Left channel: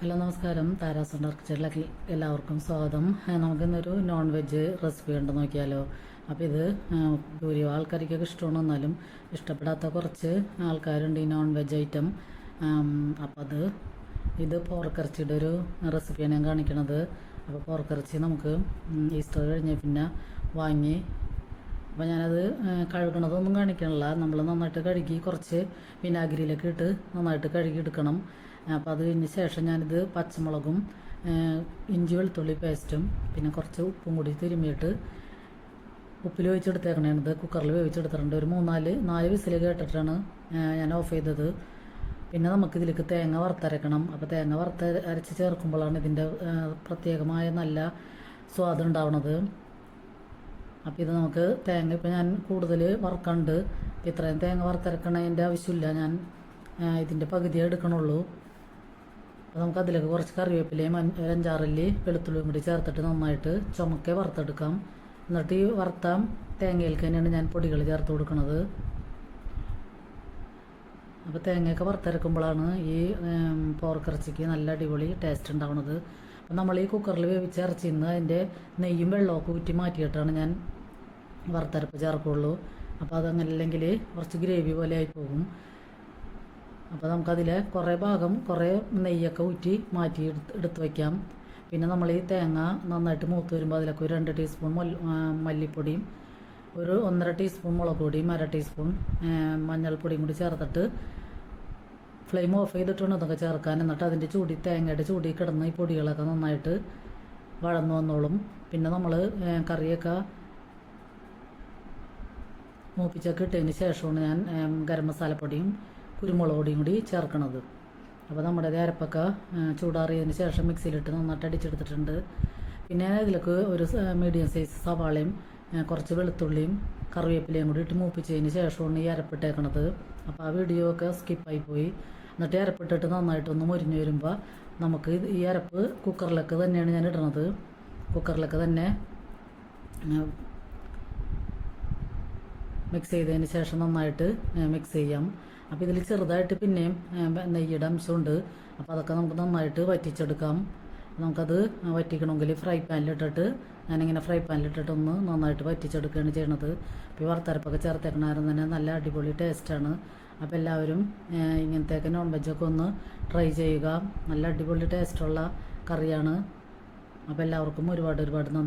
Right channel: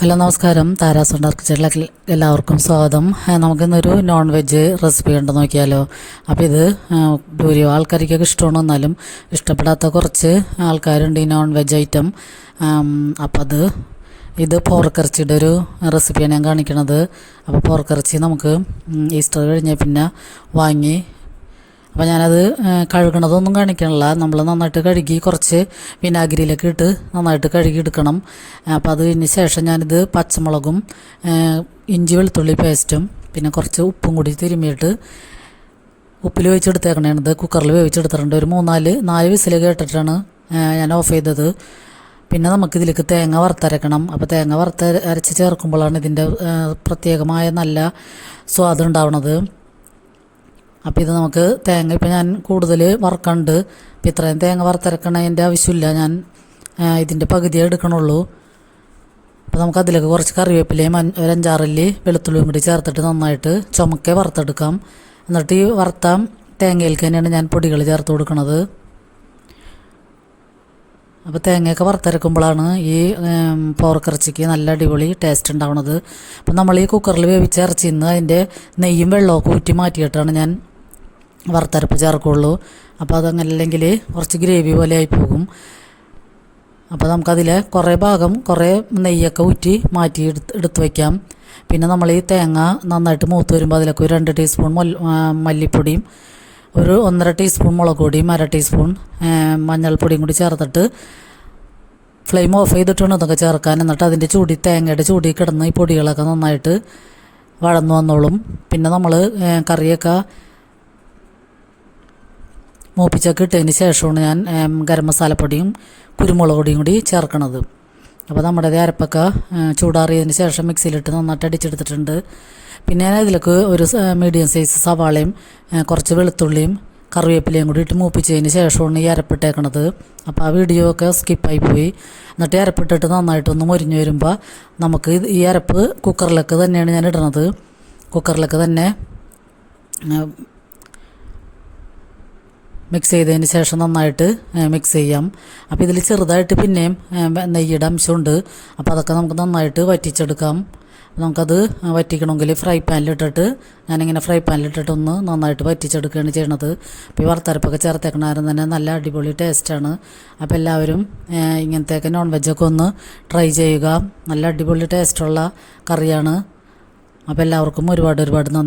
Hello നമസ്കാരം, Tara's ഉണ്ടാർക്ക് കിച്ചണിലേക്ക് എല്ലാവർക്കും സ്വാഗതം. നമുക്കിന്നൊരു നോൺ വെജ് റെസിപ്പി ഉണ്ട്, നോക്കിയാലോ. അപ്പോൾ ഇത് ഭൂരിഭാഗം ആൾക്കാർക്കൊക്കെ ഇഷ്ടമാണ്, എന്നാലും ഇഷ്ടപ്പെടാത്ത കുറച്ച് ആൾക്കാരുണ്ട് ഈ നോൺ വെജ് ഐറ്റം. അപ്പോൾ ഇത് പോർക്കിറച്ചിയുടെ ഒരു റെസിപ്പിയാണ് ഞാൻ കാണിക്കണത്. അപ്പോൾ പോർക്കിറച്ചി നമുക്ക് ഈസ്റ്റർ കഴിഞ്ഞാൽ പിന്നെ വാങ്ങി, അപ്പോൾ ഞാനത് കഴുകണതൊന്നും കാണിക്കണില്ല. നമ്മൾ നന്നായിട്ട് കഴുകി കുറച്ച് വിനാഗിരിയിലൊക്കെ ഇട്ട് നന്നായിട്ട് കഴുകി എടുക്കണം. അപ്പോൾ അതിന് ശേഷം ഞാനിത് പച്ചമുളകും ഇഞ്ചി വെളുത്തുള്ളി പേസ്റ്റും പിന്നെ കുറച്ച് ഉപ്പും കൂടി തിരുമ്മിയിട്ട് ഉപ്പിൽ വേവിച്ചെടുത്തേക്കണേണത്. കുക്കറിൽ വേവിച്ചെടുത്തിട്ടുണ്ട്. ഒരു 4 വിസിൽ കേട്ടിട്ടാണ് ഞാൻ ഓഫ് ചെയ്തത്. പിന്നെ നമുക്കിതിലേക്ക് തേങ്ങ വറുത്തരക്കണം. അപ്പോൾ തേങ്ങ അരച്ച് ചേർക്കുമ്പോഴാണ് ഇതിൻ്റെ പ്രത്യേകമായ നല്ല സ്വാദ് ഉണ്ടാവുന്നത്. അപ്പോൾ ഇത് നമുക്ക് തേങ്ങ ഇപ്പോൾ ഞാൻ കൂടുതൽ വറുക്കണ്ട്. അപ്പോൾ ഇത്രയും തേങ്ങ വറുത്തരക്കണതിൻ്റെ ആവശ്യമില്ല, ഞാൻ ഇതിൻ്റെ പകുതിയേ എടുക്കണുള്ളൂ. അപ്പോൾ നമുക്ക് അതിലേക്ക് കുറച്ച് കറിവേപ്പിലയും ഒരു 5-6 അല്ലി വെളുത്തുള്ളിയും കൂടി ചേർത്തിട്ട് നന്നായിട്ട് ചുമക്കെ വറുത്തെടുക്കാം. എന്നിട്ട് ഈ വറുത്ത തേങ്ങയിലേക്ക് തന്നെയാണ് ഞാൻ പൊടികൾ ചേർത്ത് കൊടുക്കുന്നത്. അപ്പോൾ തേങ്ങയൊക്കെ വറുത്തരക്കുമ്പോഴാണ് ഈ പോർക്കിറച്ചിക്ക് നല്ല അടിപൊളി ടേസ്റ്റ് ഉണ്ടാവുന്നത്. അപ്പോൾ നമ്മൾ ഈ കുക്കറിൽ വേവിച്ച ഇറച്ചിയിൽ നിന്ന് അതിൻ്റെ നെയ്യും വെള്ളമൊക്കെ ഊറ്റി മാറ്റിയിട്ടാണ് ഞാൻ വറുത്തരപ്പ് ചേർക്കുള്ളൂ. അപ്പോൾ അതങ്ങനല്ലെങ്കിൽ കുറച്ച് ഗ്രേവി പോലെ ആയി പോകും. അപ്പോൾ നമുക്കതിൽ കുറേ നെയ്യൊക്കെ ഊറ്റി മാറ്റി എടുത്ത് വയ്ക്കാം. പിന്നെ നമ്മൾ ഈ തേങ്ങ നന്നായിട്ട് മൂത്ത് വരുമ്പോൾ അതിലേക്ക് ഒരു 2 ടീസ്പൂൺ മല്ലിപ്പൊടിയും ഒരു 1.5 ടീസ്പൂൺ മുളക് പൊടിയും 1/2 ടീസ്പൂൺ മഞ്ഞൾപ്പൊടിയും കൂടി ചേർത്തിട്ട് ഫ്ലെയിം ഓഫ് ചെയ്തിട്ടാണ് ഇതൊക്കെ ചേർക്കാൻ. എന്നിട്ട് അതിൻ്റെ തേങ്ങയുടെ ചൂടി കിടന്ന് ഈ പൊടികളൊക്കെ നന്നായിട്ട് വഴന്നു വന്നോളും. പിന്നെ നമ്മൾ കറിയൊക്കെ മൂപ്പിച്ചൊക്കെ ഇട്ടതിന് ശേഷമാണ് ഞാൻ ഗരം മസാലപ്പൊടിയും കുരുമുളക് പൊടിയും കൂടി ചേർക്കണത്. അപ്പോൾ നമ്മുടെ അരപ്പൊക്കെ ചൂടാറിയതിന് ശേഷം മിക്സിയിലിട്ട് നന്നായിട്ട് അടിച്ചെടുത്തിട്ടുണ്ട്. പിന്നെ ഞാൻ ഇതിലേക്ക് ഒരു മീഡിയം സൈസ് സവാളയും കുറച്ച് വെളുത്തുള്ളിയും കറിവേപ്പിലയും കൂടി ഇട്ട് മൂപ്പിച്ചതിന് ശേഷമാണ് ഈ അരപ്പിട്ടേക്കണത്. അപ്പോൾ ആ വീഡിയോ ഒക്കെ സ്കിപ്പായി പോയി. എന്നിട്ട് അരപ്പിട്ടിട്ട് നന്നായിട്ടൊന്ന് മൊരിഞ്ഞ് വരുമ്പോൾ നമുക്ക് ഈ അരപ്പ് കുക്കറിലേക്ക് തന്നെയാണ് ഞാൻ ഇടണത്. കുക്കറിലേക്ക് തന്നെ മിക്സ് ചെയ്തതിന് ശേഷം നന്നായിട്ട് മിക്സ് ചെയ്യാം. അപ്പോൾ ഇതിൽ ചെറുതായിട്ട് പിന്നെയും നെയ്യുടെ അംശമുണ്ട്. അപ്പോൾ അതൊക്കെ നമുക്ക് നന്നായിട്ട് വറ്റിച്ചെടുക്കാം. നമുക്കത് വറ്റിക്കണമെങ്കിൽ ഞാനിങ്ങനെ ഫ്രൈ പാനിലിട്ടിട്ട് ഒന്ന് നന്നായിട്ട് വറ്റിച്ചെടുക്കുകയാണ് ചെയ്യണത്. അപ്പോൾ ഈ വറുത്തരപ്പൊക്കെ ചേർത്തേക്കണാരും തന്നെ നല്ല അടിപൊളി ടേസ്റ്റാണ്. അപ്പോൾ എല്ലാവരും ഇങ്ങനത്തെയൊക്കെ നോൺ വെജൊക്കെ ഒന്ന് ട്രൈ ചെയ്യുക. നല്ല അടിപൊളി ടേസ്റ്റുള്ള കറിയാണ്. അപ്പോൾ എല്ലാവർക്കും ഒരുപാട് നന്ദി.